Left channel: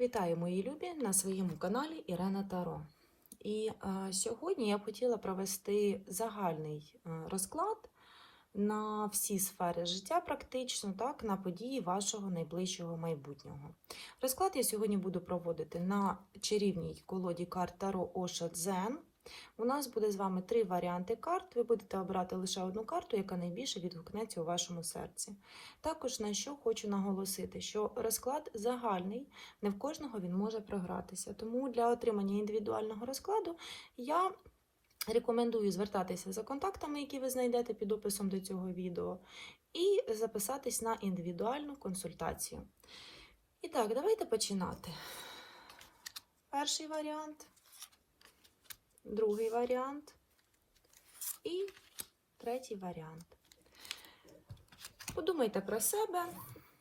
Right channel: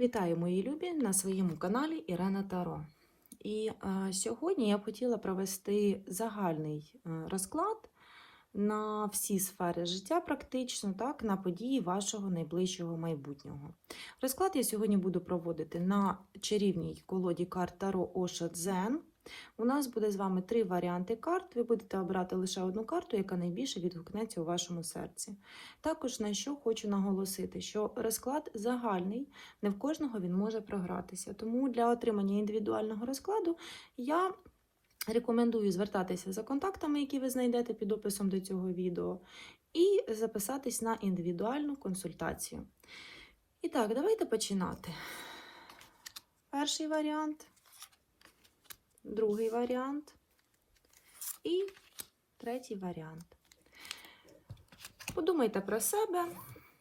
Вітаю, мої любі, на своєму каналі Ірена Таро. І е, сьогодні я хотіла провести загальний е, розклад на всі сфери життя, практично, так, на події вашого найближчого майбутнього. Розклад я сьогодні буду проводити на чарівній колоді карт Таро Оша Дзен. У нас буде з вами три варіанти карт. Ви будете обирати лише одну карту, яка найбільше відгукнеться у вашому серці. Також на що хочу наголосити, що розклад загальний, не в кожного він може програтися. Тому для отримання індивідуального розкладу я рекомендую звертатися за контактами, які ви знайдете під описом до цього відео, і записатись на індивідуальну консультацію. І так, давайте починати. Перший варіант, другий варіант і третій варіант. Подумайте про себе,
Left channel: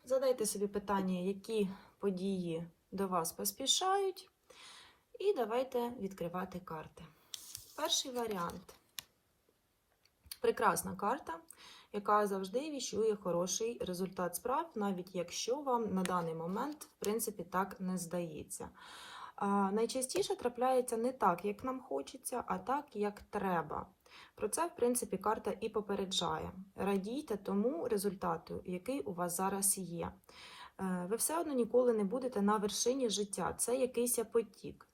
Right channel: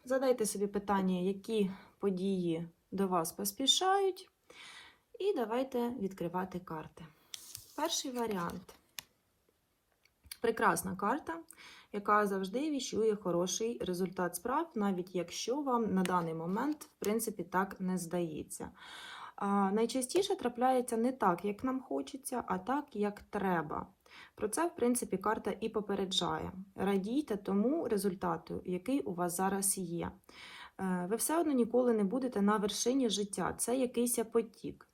задайте собі питання, які події до вас поспішають, і давайте відкривати карти. Перший варіант. Прекрасна карта, яка завжди віщує хороший результат справ, навіть якщо вам на даний момент, в принципі, так не здається. Найчастіше трапляється не так, як нам хочеться, а так, як треба. Про це, в принципі, карта і попереджає. Радійте тому результату, який у вас зараз є. Е, Ви все одно ніколи не будете на вершині життя. Це якийсь потік.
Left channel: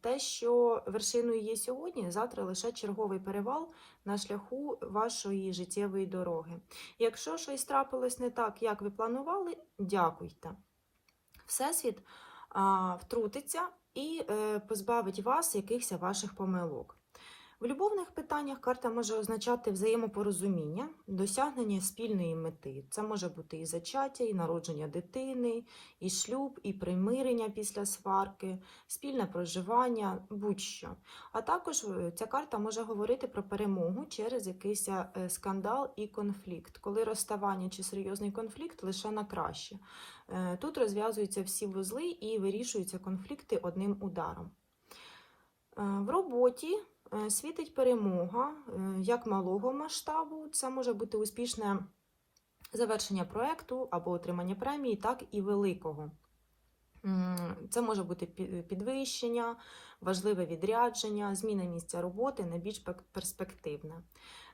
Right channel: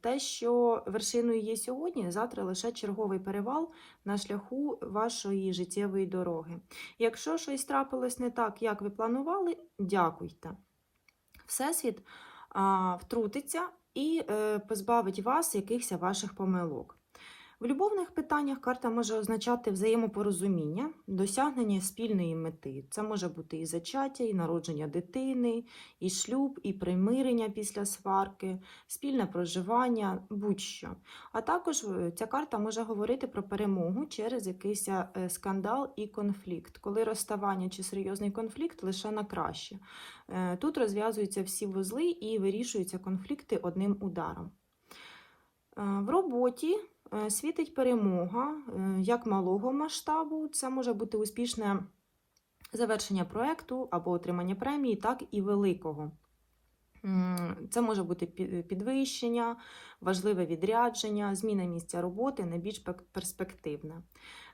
Те, що вершиною є сьогодні, завтра лише черговий перевал на шляху вашої життєвої дороги. Якщо щось трапилось не так, як ви планували, дякуйте. Всесвіт втрутиться і е, позбавить вас якихось ваших помилок. В любовних питаннях карта може означати взаємопорозуміння, досягнення спільної мети. Це може бути і зачаття, і народження дитини, і шлюб, і примирення після сварки, спільне проживання, будь-що. А також е, ця карта може говорити про перемогу через якийсь е, скандал і конфлікт, коли розставання чи серйозний конфлікт лише на краще. Е, Тут розв'язуються всі вузли і вирішуються конфлікти одним ударом. В роботі світить перемога е, як малого масштабу, це може бути успішне завершення проекту або отримання премії, так і великого. Це може бути підвищення, важливе відрядження, зміна місця роботи найбільш пек- перспективна.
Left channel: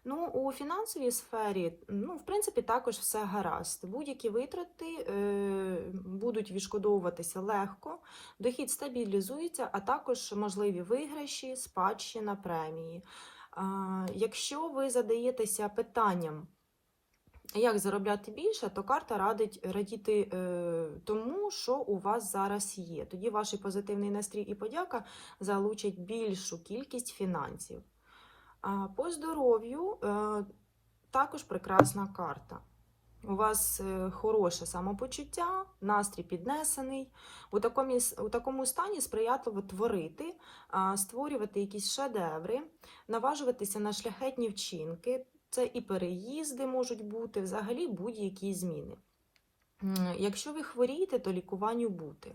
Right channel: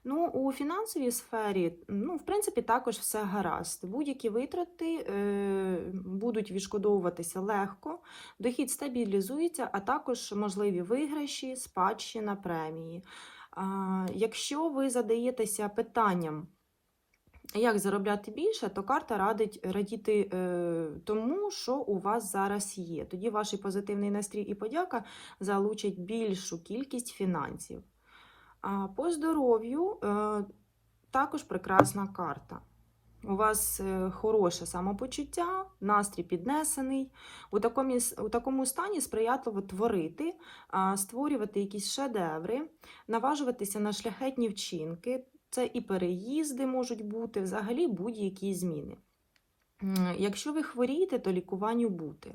Ну, у фінансовій сфері, ну, в принципі, також все гаразд. Будь-які витрати е, будуть відшкодовуватися легко, дохід стабілізується, а також можливі виграші, спадщина, премії. А, якщо ви задаєтеся питанням, як заробляти більше, то карта радить радіти е, тому, що у вас зараз є. Тоді ваш позитивний настрій і подяка залучать більшу кількість фінансів. А по здоров'ю е, також прекрасна карта. У вас е, хороше самопочуття, настрій піднесений. У такому, у такому стані сприятливо творити, створювати якісь шедеври, наважуватися на шляхетні вчинки. Це і переїзди можуть бути, взагалі будь-які зміни. Якщо ви хворієте, то лікуванню бути.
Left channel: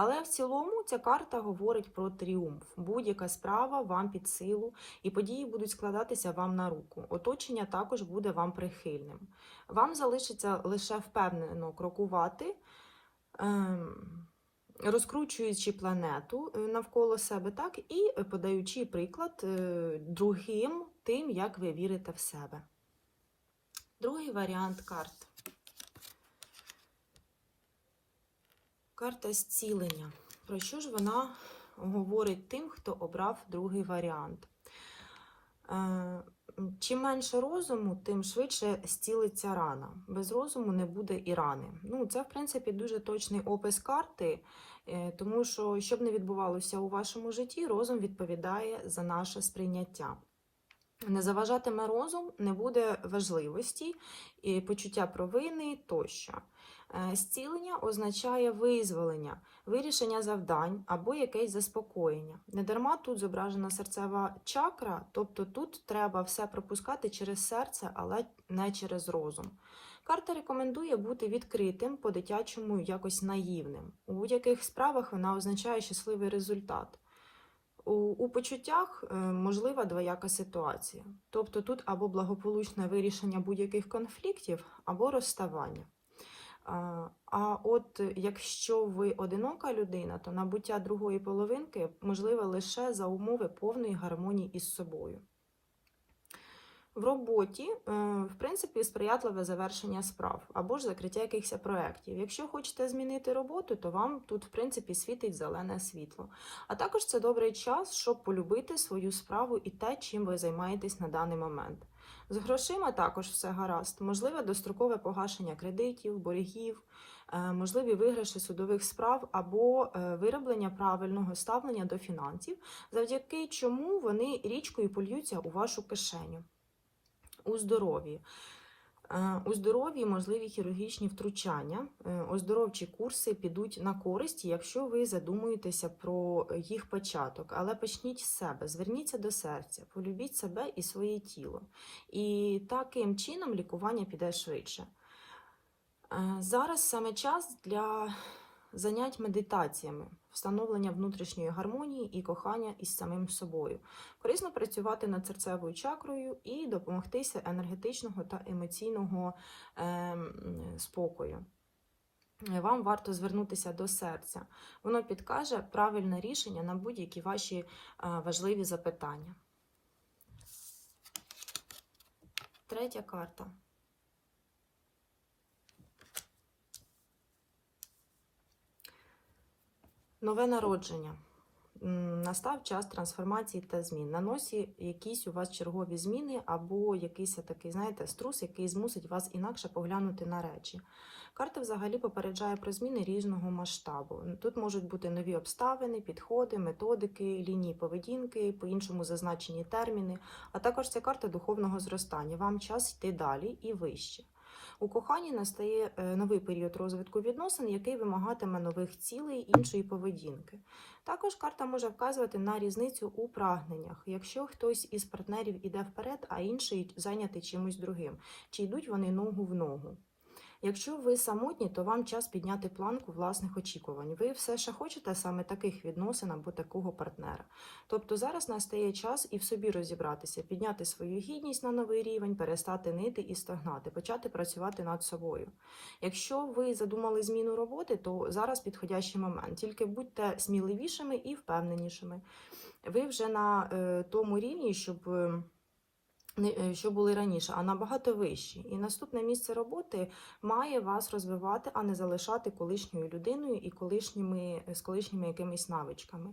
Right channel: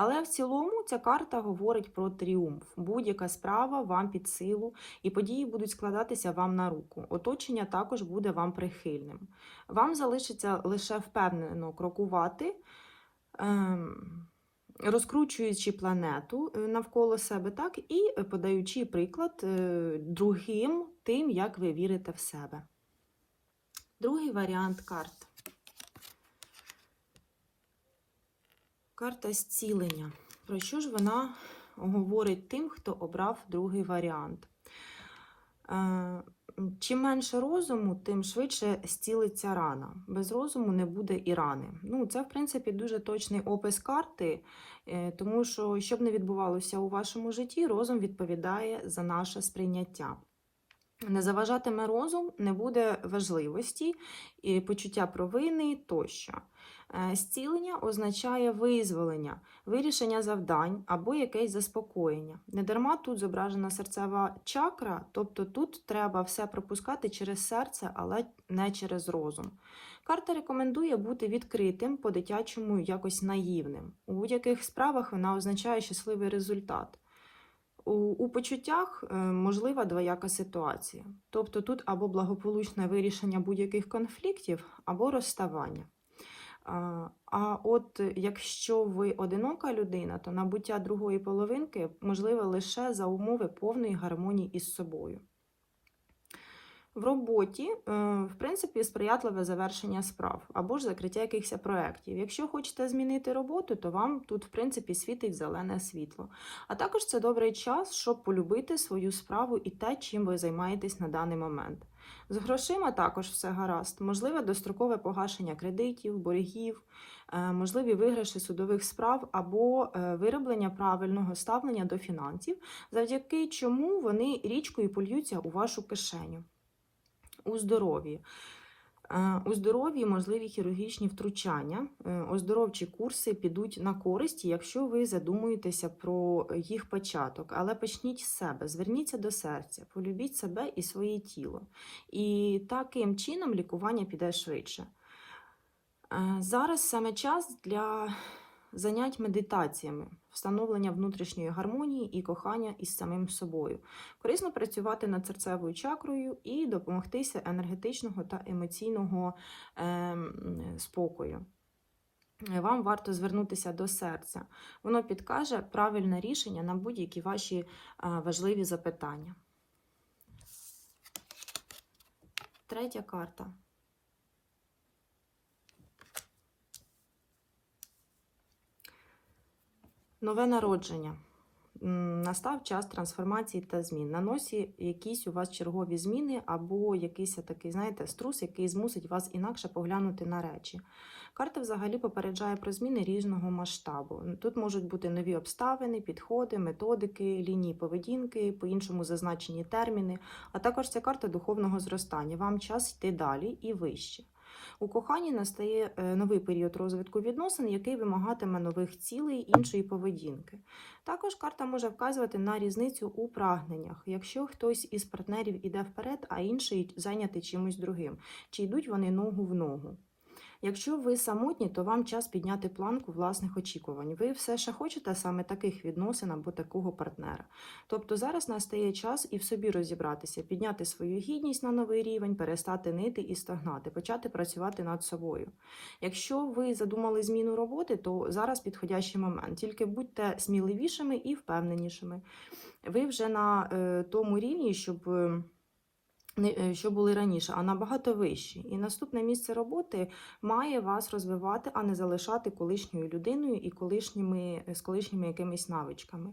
Але в цілому ця карта говорить про тріумф. Будь-яка справа вам під силу, і події будуть складатися вам на руку. Оточення також буде вам прихильним. Вам залишиться лише впевнено крокувати, ем, розкручуючи планету е, навколо себе, так і подаючи приклад е, другим тим, як ви вірите в себе. Другий варіант карт. Карта зцілення. Про що ж вона говорить тим, хто обрав другий варіант? Е, Чим менше розуму, тим швидше зцілиться рана. Без розуму не буде і рани. Ну, це, в принципі, дуже точний опис карти, е, тому що, що б не відбувалося у вашому житті, розум відповідає за наше сприйняття. Не заважатиме розум, не буде важливості, і почуття провини тощо. Е, Зцілення означає визволення, вирішення завдань або якесь заспокоєння. Недарма тут зображена серцева чакра, тобто тут треба все пропускати через серце, але не через розум. Карта рекомендує бути відкритим, по-дитячому якось наївним. У будь-яких справах вона означає щасливий результат. У, почуттях е, можлива двояка ситуація. Тобто тут або благополучне вирішення будь-яких конфліктів, або розставання. А, от якщо ви одинока людина, то набуття другої половинки можливе лише за умови повної гармонії із собою. В роботі, е, в принципі, сприятливе завершення справ або ж закриття якихось проєктів. Якщо хочете змінити роботу, то вам тут, в принципі, світить зелене світло. А також це добрий час, щоб полюбити свою справу і те, чим ви займаєтесь на даний момент. З грошима також все гаразд. Можливе дострокове погашення кредитів, боргів, е, можливі виграші судових справ або е, вироблення правильного ставлення до фінансів, завдяки чому вони річкою польються у вашу кишеню. У здоров'ї. Е, У здоров'ї можливі хірургічні втручання, Е, оздоровчі курси підуть на користь, якщо ви задумуєтеся про їх початок. Але почніть з себе, зверніться до серця, полюбіть себе і своє тіло. І таким чином лікування піде швидше. Е, Зараз саме час для занять медитаціями, встановлення внутрішньої гармонії і кохання із самим собою. Корисно працювати над серцевою чакрою і допомогтися енергетичного та емоційного ем, спокою. Вам варто звернутися до серця. Воно підкаже правильне рішення на будь-які ваші е, важливі запитання. Третя карта. Нове народження. Настав час трансформації та змін. На носі якісь у вас чергові зміни, або якийсь такий, знаєте, струс, який змусить вас інакше поглянути на речі. Карта взагалі попереджає про зміни різного масштабу. Тут можуть бути нові обставини, підходи, методики, лінії поведінки, по-іншому зазначені терміни, а також ця карта духовного зростання. Вам час йти далі і вище. У коханні настає е, новий період розвитку відносин, який вимагатиме нових цілей іншої поведінки. Також карта може вказувати на різницю у прагненнях, якщо хтось із партнерів іде вперед, а інший зайнятий чимось другим, чи йдуть вони ногу в ногу. Якщо ви самотні, то вам час підняти планку власних очікувань. Ви все ще хочете саме таких відносин або такого партнера. Тобто зараз настає час і в собі розібратися, підняти свою гідність на новий рівень, перестати нити і стагнати, почати працювати над собою. Якщо ви задумали зміну роботи, то зараз підходящий момент. Тільки будьте сміливішими і впевненішими. Ви вже на е, тому рівні, щоб. Е, е, що були раніше, а набагато вищі. І наступне місце роботи має вас розвивати, а не залишати колишньою людиною і колишніми, з колишніми якимись навичками.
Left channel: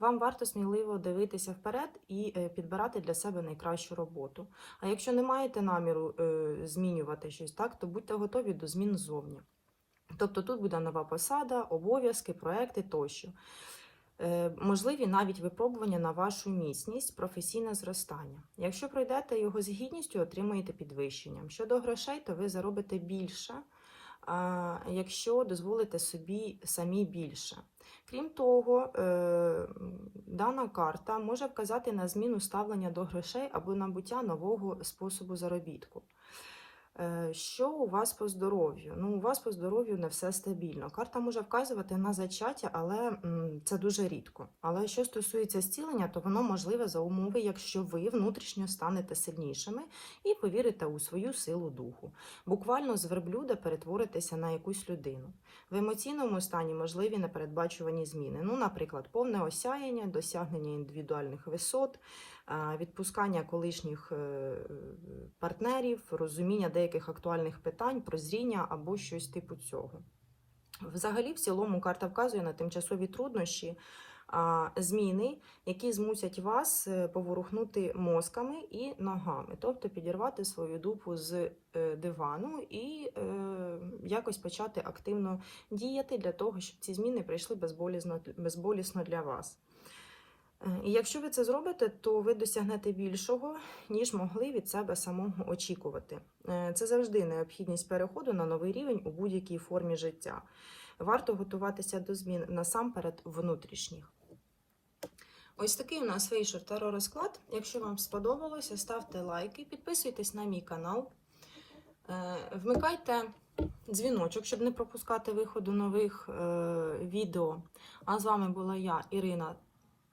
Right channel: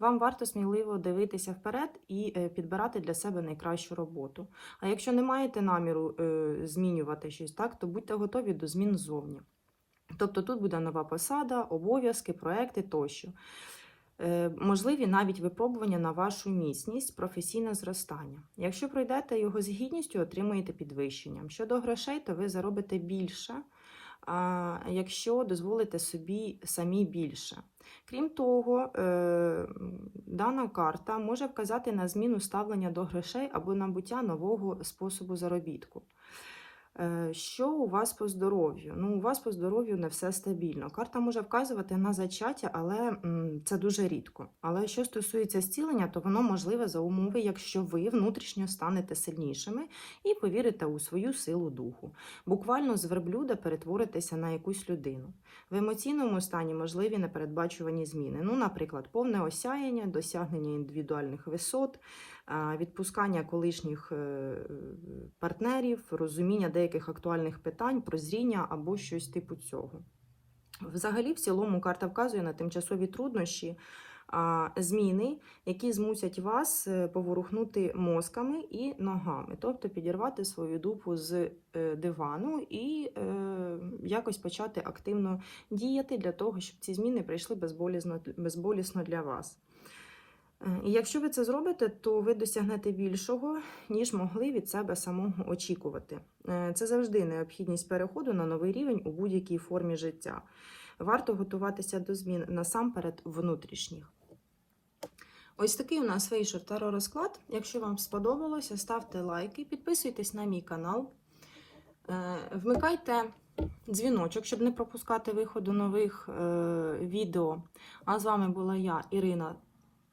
Вам варто сміливо дивитися вперед і е, підбирати для себе найкращу роботу. А якщо не маєте наміру е, змінювати щось так, то будьте готові до змін ззовні. Тобто тут буде нова посада, обов'язки, проекти тощо. Е, Можливі навіть випробування на вашу міцність, професійне зростання. Якщо пройдете його з гідністю, отримаєте підвищення. Щодо грошей, то ви заробите більше, якщо дозволите собі самі більше. Крім того, е, дана карта може вказати на зміну ставлення до грошей або набуття нового способу заробітку. Е, Що у вас по здоров'ю? Ну, у вас по здоров'ю не все стабільно. Карта може вказувати на зачаття, але це дуже рідко. Але що стосується зцілення, то воно можливе за умови, якщо ви внутрішньо станете сильнішими і повірите у свою силу духу. Буквально з верблюда перетворитеся на якусь людину. В емоційному стані можливі непередбачувані зміни. Ну, наприклад, повне осяяння, досягнення індивідуальних висот, відпускання колишніх е, партнерів, розуміння деяких актуальних питань, прозріння або щось типу цього. Взагалі, в цілому, карта вказує на тимчасові труднощі, зміни, які змусять вас е, поворухнути мозками і ногами, тобто підірвати свою дупу з е, дивану і якось почати активно діяти для того, щоб ці зміни прийшли безболісно, безболісно для вас. Е, І якщо ви це зробите, то ви досягнете більшого, ніж могли від себе самого очікувати. Е, Це завжди необхідність переходу на новий рівень у будь-якій формі життя. Варто готуватися до змін насамперед внутрішніх. Ось такий у нас вийшов теророзклад. Якщо вам сподобалося, ставте лайки, підписуйтесь на мій канал, е, вмикайте дзвіночок, щоб не пропускати виходу нових відео. А з вами була я, Ірина